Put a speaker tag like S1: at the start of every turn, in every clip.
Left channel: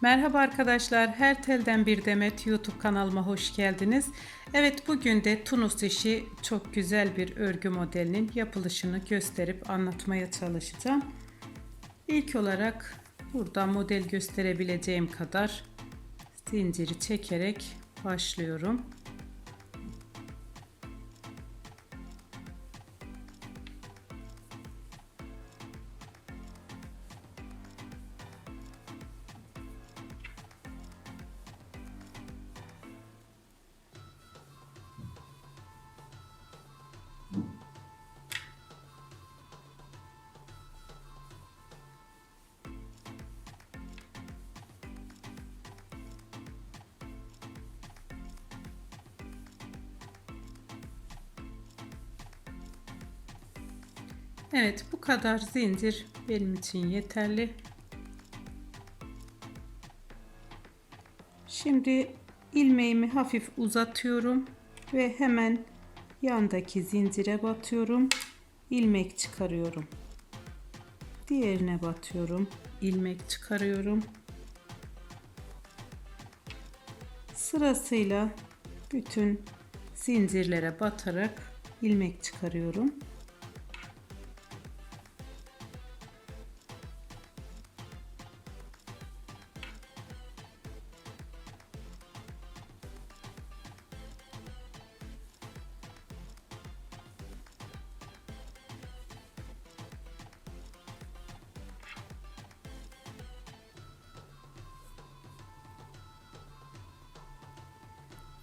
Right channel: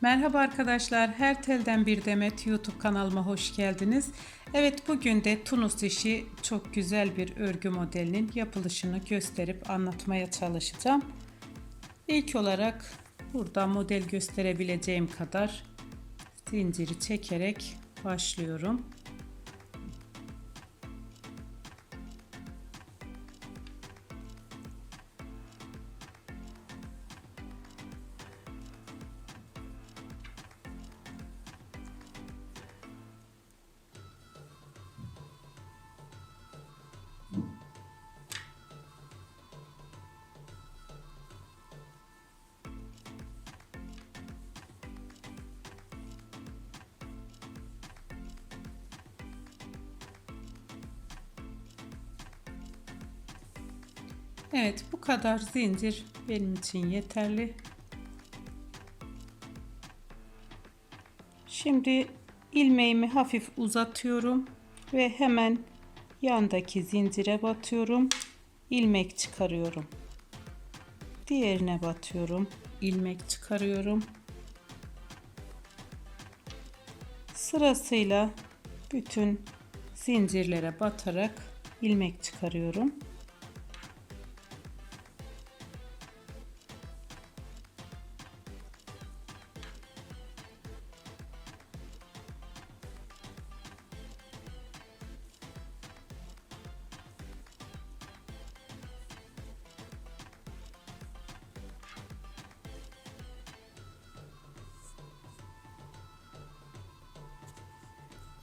S1: Merhaba arkadaşlar, Her Telden Bir Demet YouTube kanalıma hoş geldiniz. Evet bugün de Tunus işi çok güzel bir örgü modelinin yapılışını gösterip anlatmaya çalışacağım. İlk olarak burada model gösterebileceğim kadar zinciri çekerek başlıyorum. Evet bu kadar zincir benim için yeterli. Şimdi ilmeğimi hafif uzatıyorum ve hemen yandaki zincire batıyorum. ilmek çıkarıyorum. Diğerine batıyorum. ilmek çıkarıyorum. Sırasıyla bütün zincirlere batarak ilmek çıkarıyorum.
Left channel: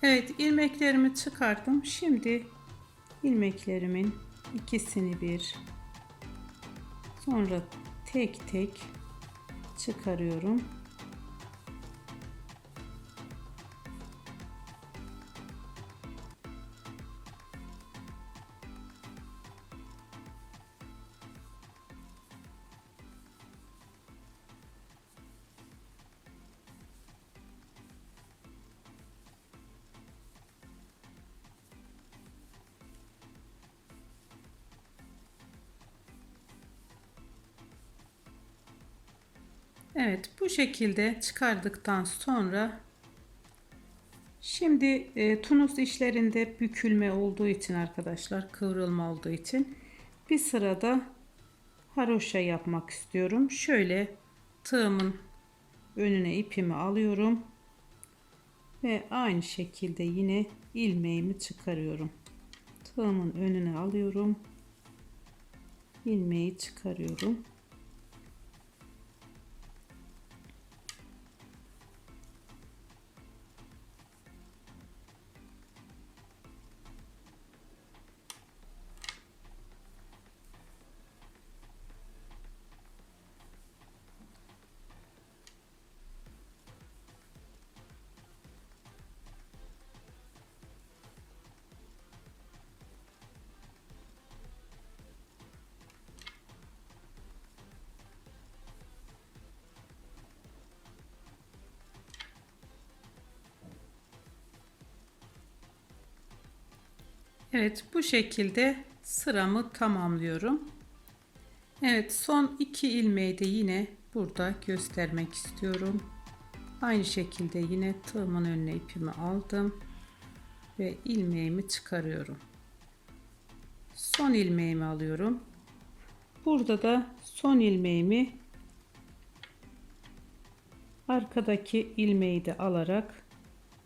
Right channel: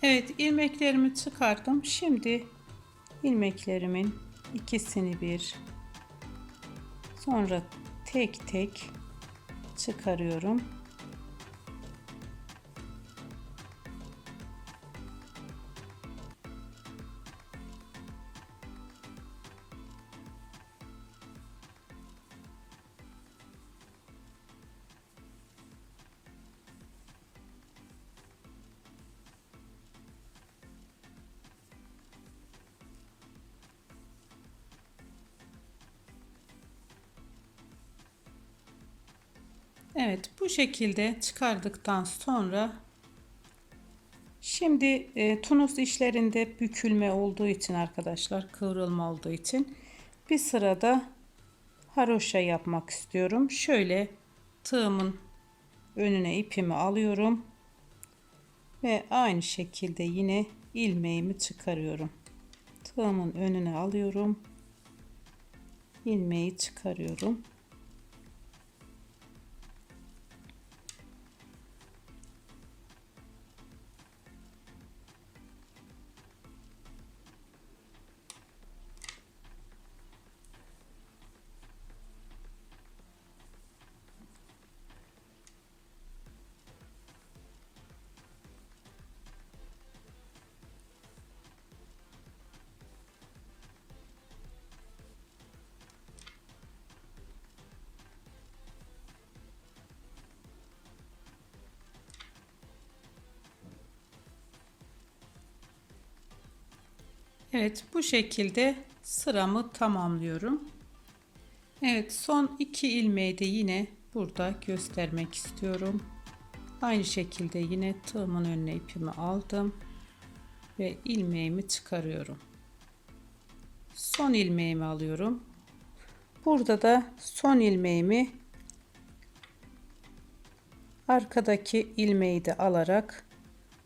S1: Evet ilmeklerimi çıkardım. Şimdi ilmeklerimin ikisini bir sonra tek tek çıkarıyorum. Evet bu şekilde çıkardıktan sonra şimdi e, Tunus işlerinde bükülme olduğu için arkadaşlar kıvrılma olduğu için bir sırada haroşa yapmak istiyorum. Şöyle tığımın önüne ipimi alıyorum ve aynı şekilde yine ilmeğimi çıkarıyorum. Tığımın önüne alıyorum. ilmeği çıkarıyorum. Evet bu şekilde sıramı tamamlıyorum. Evet son iki ilmeği de yine burada göstermek istiyorum. Aynı şekilde yine tığımın önüne ipimi aldım ve ilmeğimi çıkarıyorum. Son ilmeğimi alıyorum. Burada da son ilmeğimi arkadaki ilmeği de alarak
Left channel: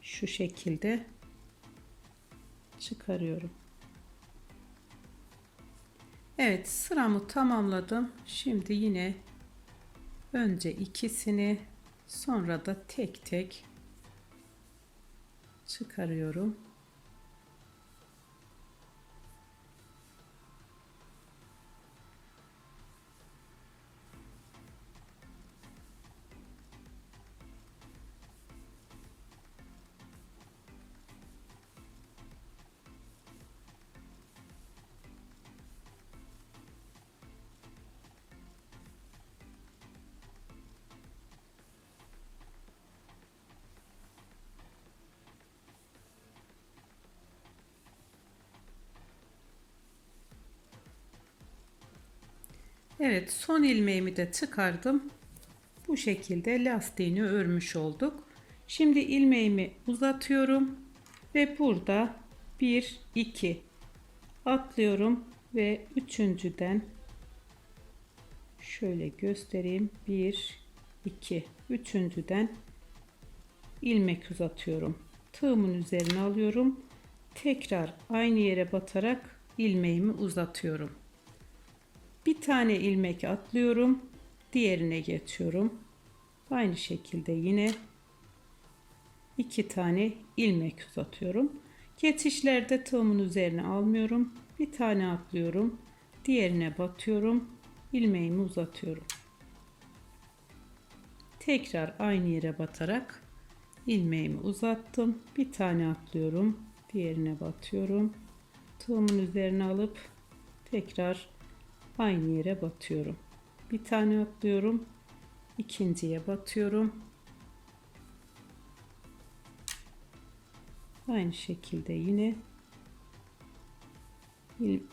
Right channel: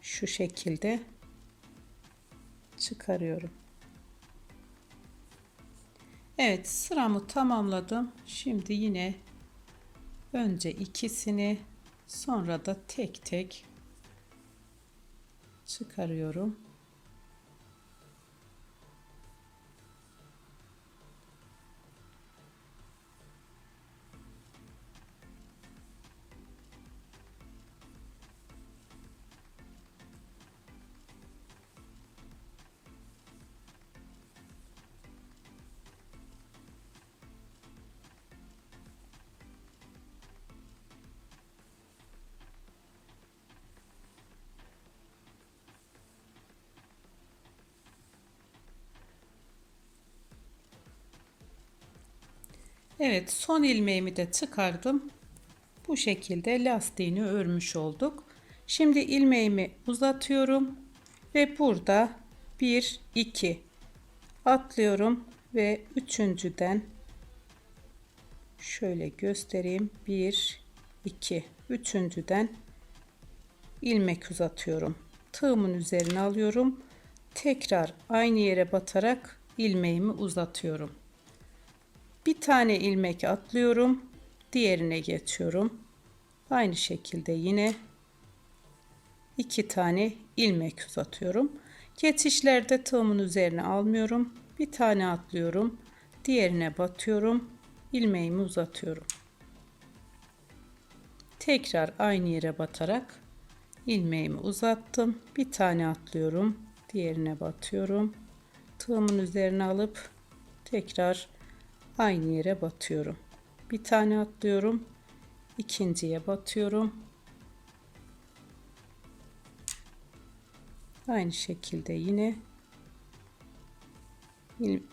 S1: şu şekilde çıkarıyorum. Evet sıramı tamamladım. Şimdi yine önce ikisini sonra da tek tek çıkarıyorum. Evet son ilmeğimi de çıkardım. Bu şekilde lastiğini örmüş olduk. Şimdi ilmeğimi uzatıyorum ve burada 1 2 atlıyorum ve üçüncüden şöyle göstereyim 1 2 üçüncüden ilmek uzatıyorum tığımın üzerine alıyorum tekrar aynı yere batarak ilmeğimi uzatıyorum bir tane ilmek atlıyorum diğerine geçiyorum. Aynı şekilde yine iki tane ilmek uzatıyorum. Geçişlerde tığımın üzerine almıyorum. Bir tane atlıyorum diğerine batıyorum ilmeğimi uzatıyorum. Tekrar aynı yere batarak ilmeğimi uzattım. Bir tane atlıyorum diğerine batıyorum. Tığımın üzerine alıp tekrar aynı yere batıyorum. Bir tane atlıyorum ikinciye batıyorum. Aynı şekilde yine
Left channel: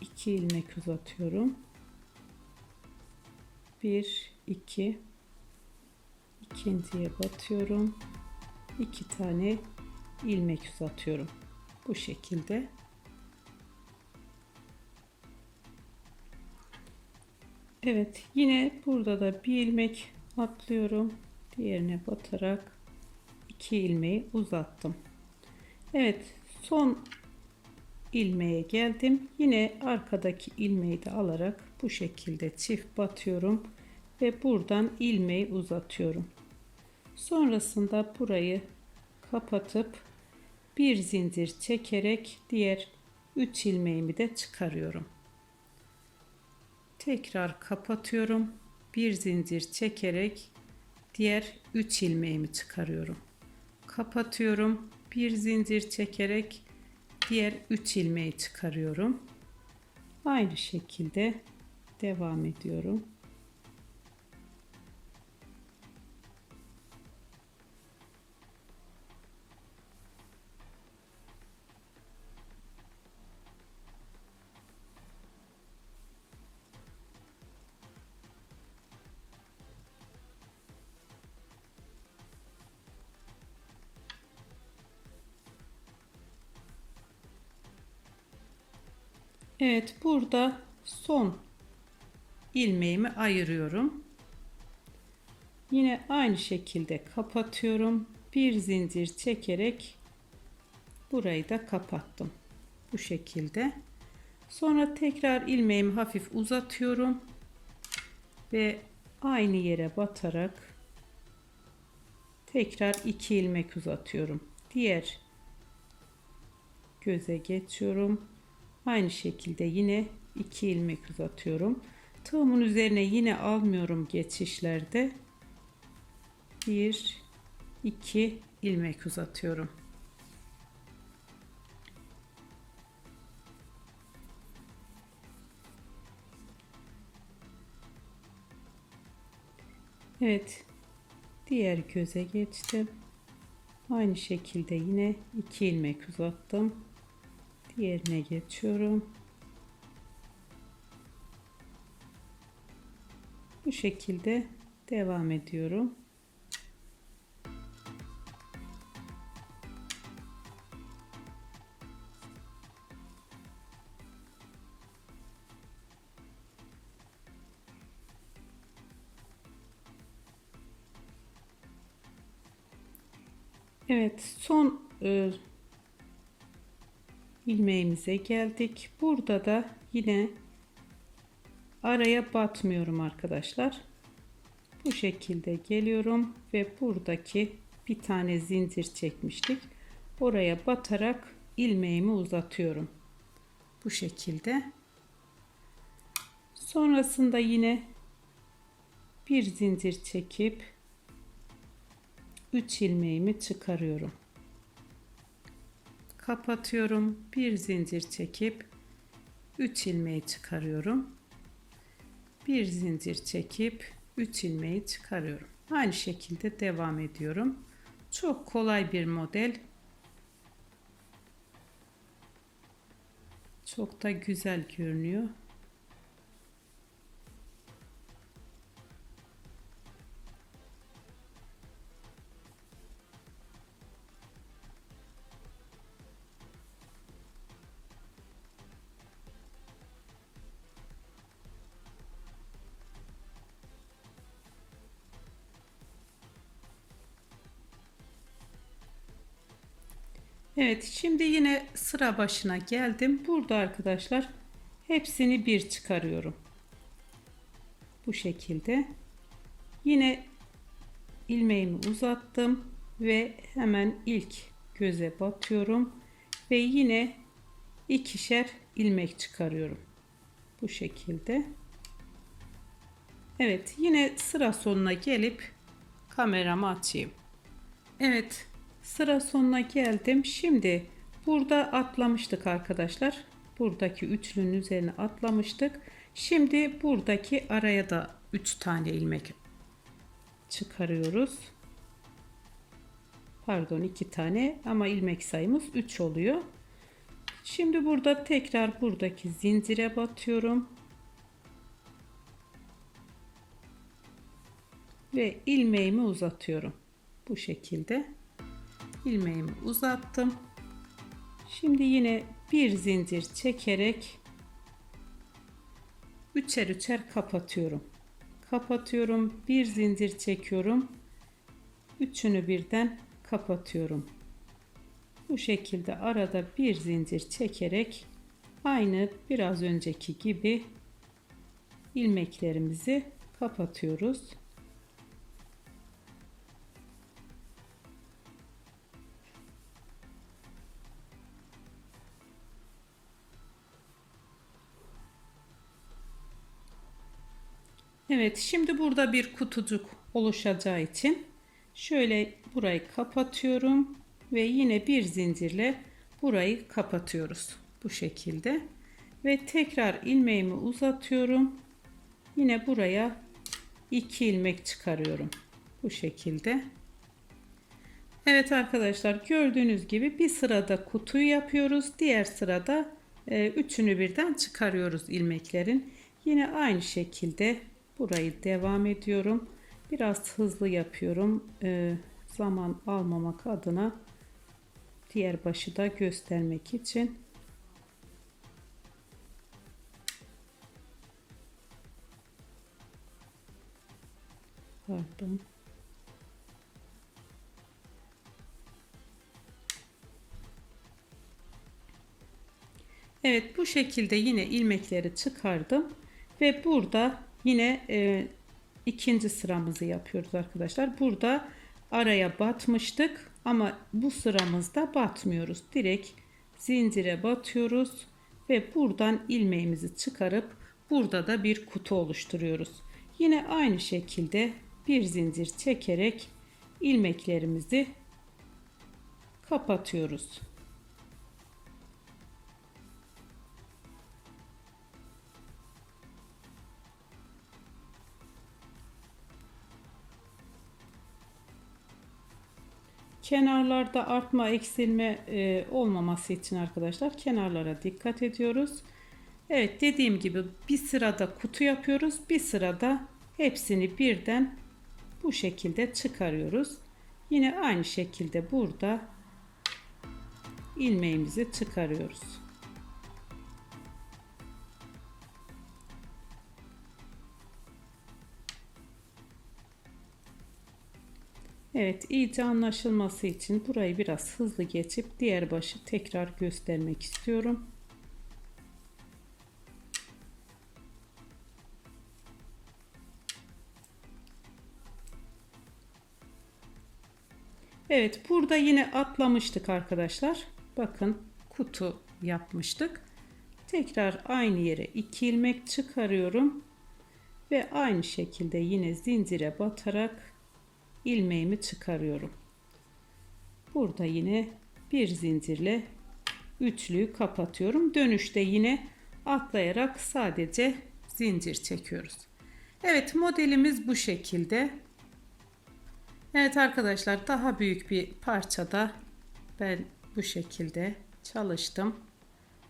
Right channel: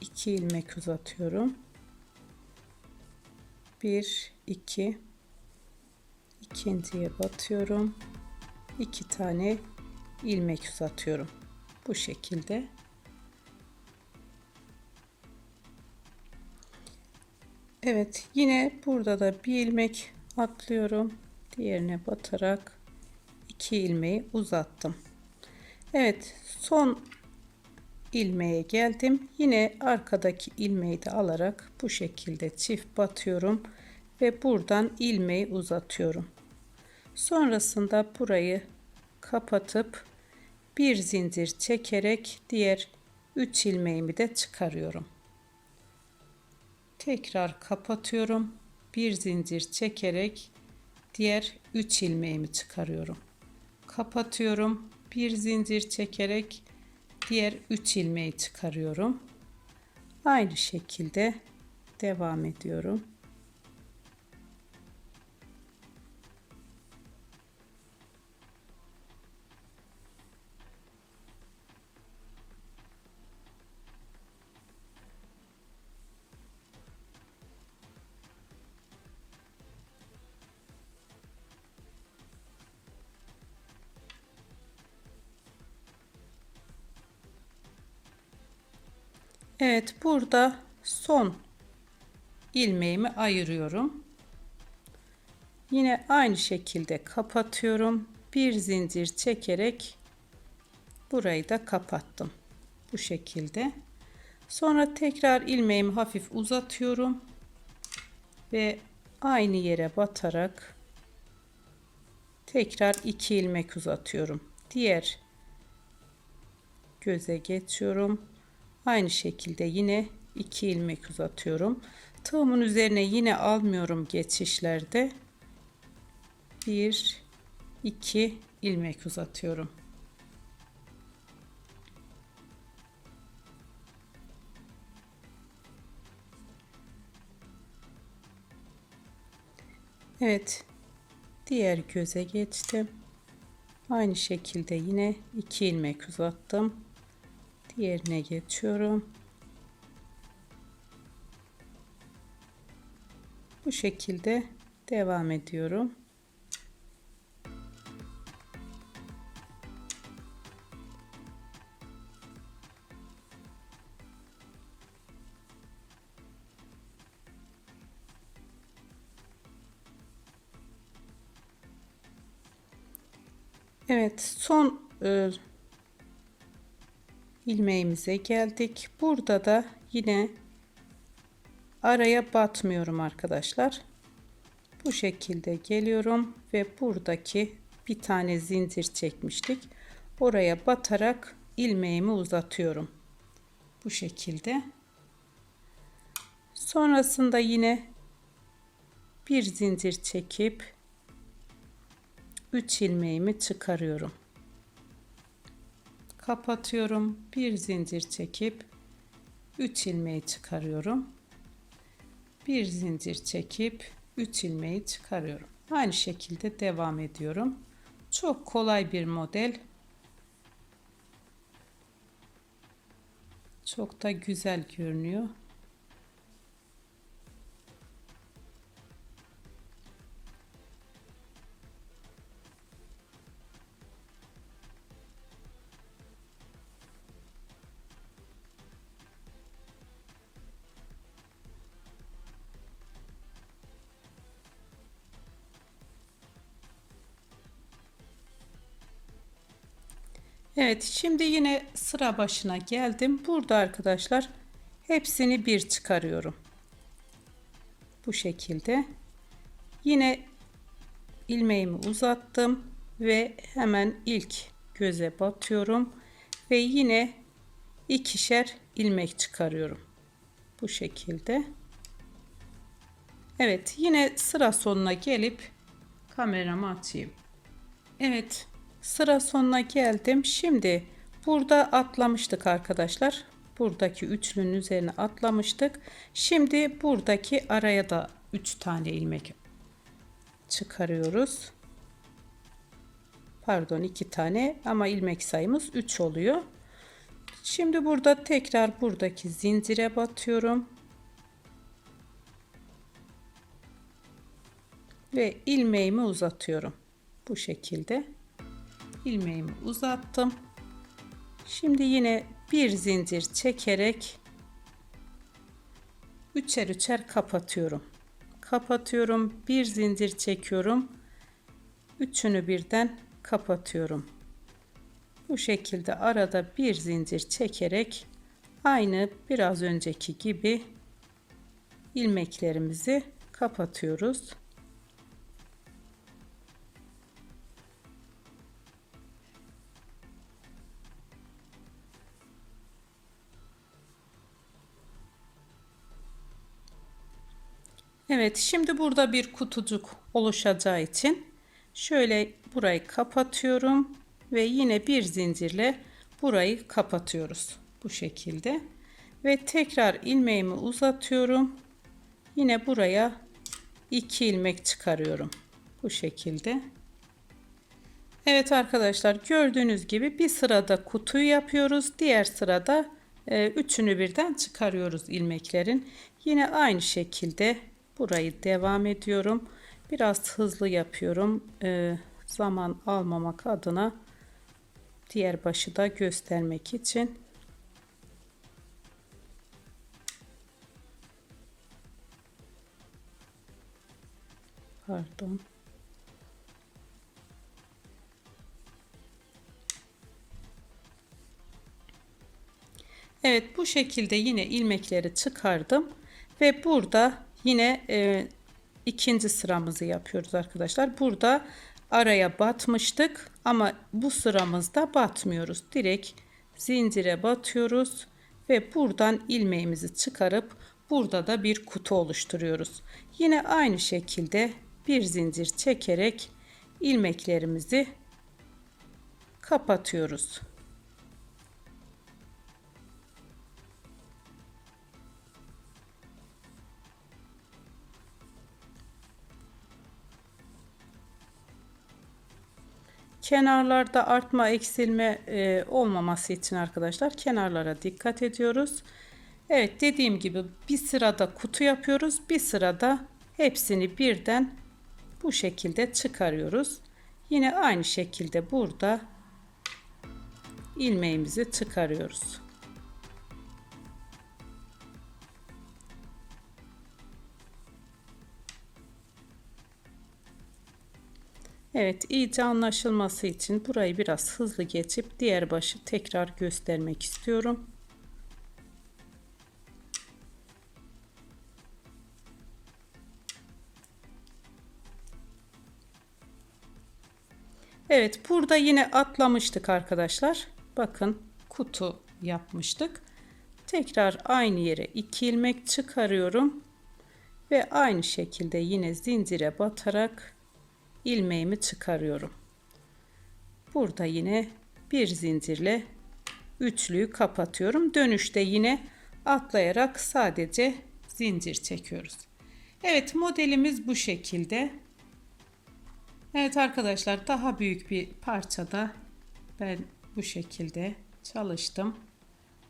S1: iki ilmek uzatıyorum. 1 2 ikinciye batıyorum. İki tane ilmek uzatıyorum. Bu şekilde Evet yine burada da bir ilmek atlıyorum. Diğerine batarak iki ilmeği uzattım. Evet son ilmeğe geldim. Yine arkadaki ilmeği de alarak bu şekilde çift batıyorum ve buradan ilmeği uzatıyorum. Sonrasında burayı kapatıp bir zincir çekerek diğer 3 ilmeğimi de çıkarıyorum tekrar kapatıyorum. Bir zincir çekerek diğer 3 ilmeğimi çıkarıyorum. Kapatıyorum. Bir zincir çekerek diğer 3 ilmeği çıkarıyorum. Aynı şekilde devam ediyorum Evet burada son ilmeğimi ayırıyorum. Yine aynı şekilde kapatıyorum. Bir zincir çekerek burayı da kapattım. Bu şekilde. Sonra tekrar ilmeğimi hafif uzatıyorum ve aynı yere batarak tekrar iki ilmek uzatıyorum. Diğer göze geçiyorum Aynı şekilde yine 2 ilmek uzatıyorum. Tığımın üzerine yine almıyorum geçişlerde. 1 2 ilmek uzatıyorum. Evet. Diğer göze geçtim. Aynı şekilde yine 2 ilmek uzattım diğerine geçiyorum. Bu şekilde devam ediyorum. Evet son e, ilmeğimize geldik. Burada da yine araya batmıyorum arkadaşlar. Bu şekilde geliyorum ve buradaki bir tane zincir çekmiştik. Oraya batarak ilmeğimi uzatıyorum. Bu şekilde. Sonrasında yine bir zincir çekip 3 ilmeğimi çıkarıyorum kapatıyorum. Bir zincir çekip 3 ilmeği çıkarıyorum. Bir zincir çekip 3 ilmeği çıkarıyorum. Aynı şekilde devam ediyorum. Çok kolay bir model. Çok da güzel görünüyor Evet şimdi yine sıra başına geldim. Burada arkadaşlar hepsini bir çıkarıyorum. Bu şekilde. Yine ilmeğimi uzattım ve hemen ilk göze batıyorum ve yine ikişer ilmek çıkarıyorum. Bu şekilde. Evet yine sıra sonuna gelip kameramı açayım. Evet sıra sonuna geldim. Şimdi burada atlamıştık arkadaşlar. Buradaki üçlünün üzerine atlamıştık. Şimdi buradaki araya da 3 tane ilmek çıkarıyoruz. Pardon 2 tane ama ilmek sayımız 3 oluyor. Şimdi burada tekrar buradaki zincire batıyorum. Ve ilmeğimi uzatıyorum. Bu şekilde ilmeğimi uzattım. Şimdi yine bir zincir çekerek üçer üçer kapatıyorum. Kapatıyorum, bir zincir çekiyorum. Üçünü birden kapatıyorum. Bu şekilde arada bir zincir çekerek aynı biraz önceki gibi ilmeklerimizi kapatıyoruz. Evet şimdi burada bir kutucuk oluşacağı için şöyle burayı kapatıyorum ve yine bir zincirle burayı kapatıyoruz bu şekilde. Ve tekrar ilmeğimi uzatıyorum. Yine buraya iki ilmek çıkarıyorum bu şekilde. Evet arkadaşlar gördüğünüz gibi bir sırada kutuyu yapıyoruz. Diğer sırada e, üçünü birden çıkarıyoruz ilmeklerin. Yine aynı şekilde burayı devam ediyorum. Biraz hızlı yapıyorum. E, zaman almamak adına diğer başı da göstermek için. Pardon. Evet bu şekilde yine ilmekleri çıkardım ve burada yine e, ikinci sıramızı yapıyoruz arkadaşlar. Burada araya batmıştık ama bu sıramızda batmıyoruz. Direkt zincire batıyoruz ve buradan ilmeğimizi çıkarıp burada da bir kutu oluşturuyoruz. Yine aynı şekilde bir zincir çekerek ilmeklerimizi kapatıyoruz. Kenarlarda artma eksilme e, olmaması için arkadaşlar kenarlara dikkat ediyoruz. Evet dediğim gibi bir sırada kutu yapıyoruz. Bir sırada hepsini birden bu şekilde çıkarıyoruz. Yine aynı şekilde burada ilmeğimizi çıkarıyoruz. Evet iyice anlaşılması için burayı biraz hızlı geçip diğer başı tekrar göstermek istiyorum. Evet burada yine atlamıştık arkadaşlar. Bakın kutu yapmıştık. Tekrar aynı yere iki ilmek çıkarıyorum. Ve aynı şekilde yine zincire batarak ilmeğimi çıkarıyorum. Burada yine bir zincirle üçlüyü kapatıyorum. Dönüşte yine atlayarak sadece zincir çekiyoruz. Evet modelimiz bu şekilde. Evet arkadaşlar daha büyük bir parçada ben bu şekilde çalıştım.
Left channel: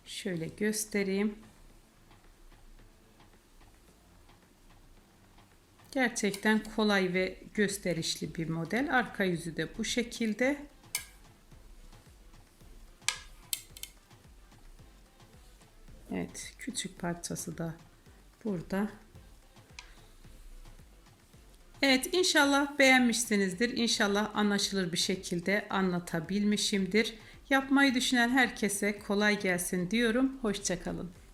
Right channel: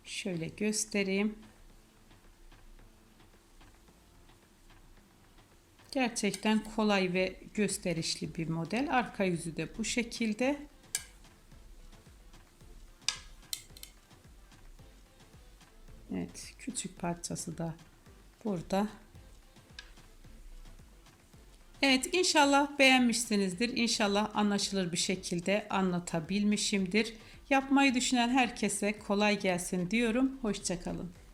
S1: Şöyle göstereyim. Gerçekten kolay ve gösterişli bir model. Arka yüzü de bu şekilde. Evet, küçük parçası da burada. Evet inşallah beğenmişsinizdir. İnşallah anlaşılır bir şekilde anlatabilmişimdir. Yapmayı düşünen herkese kolay gelsin diyorum. Hoşçakalın.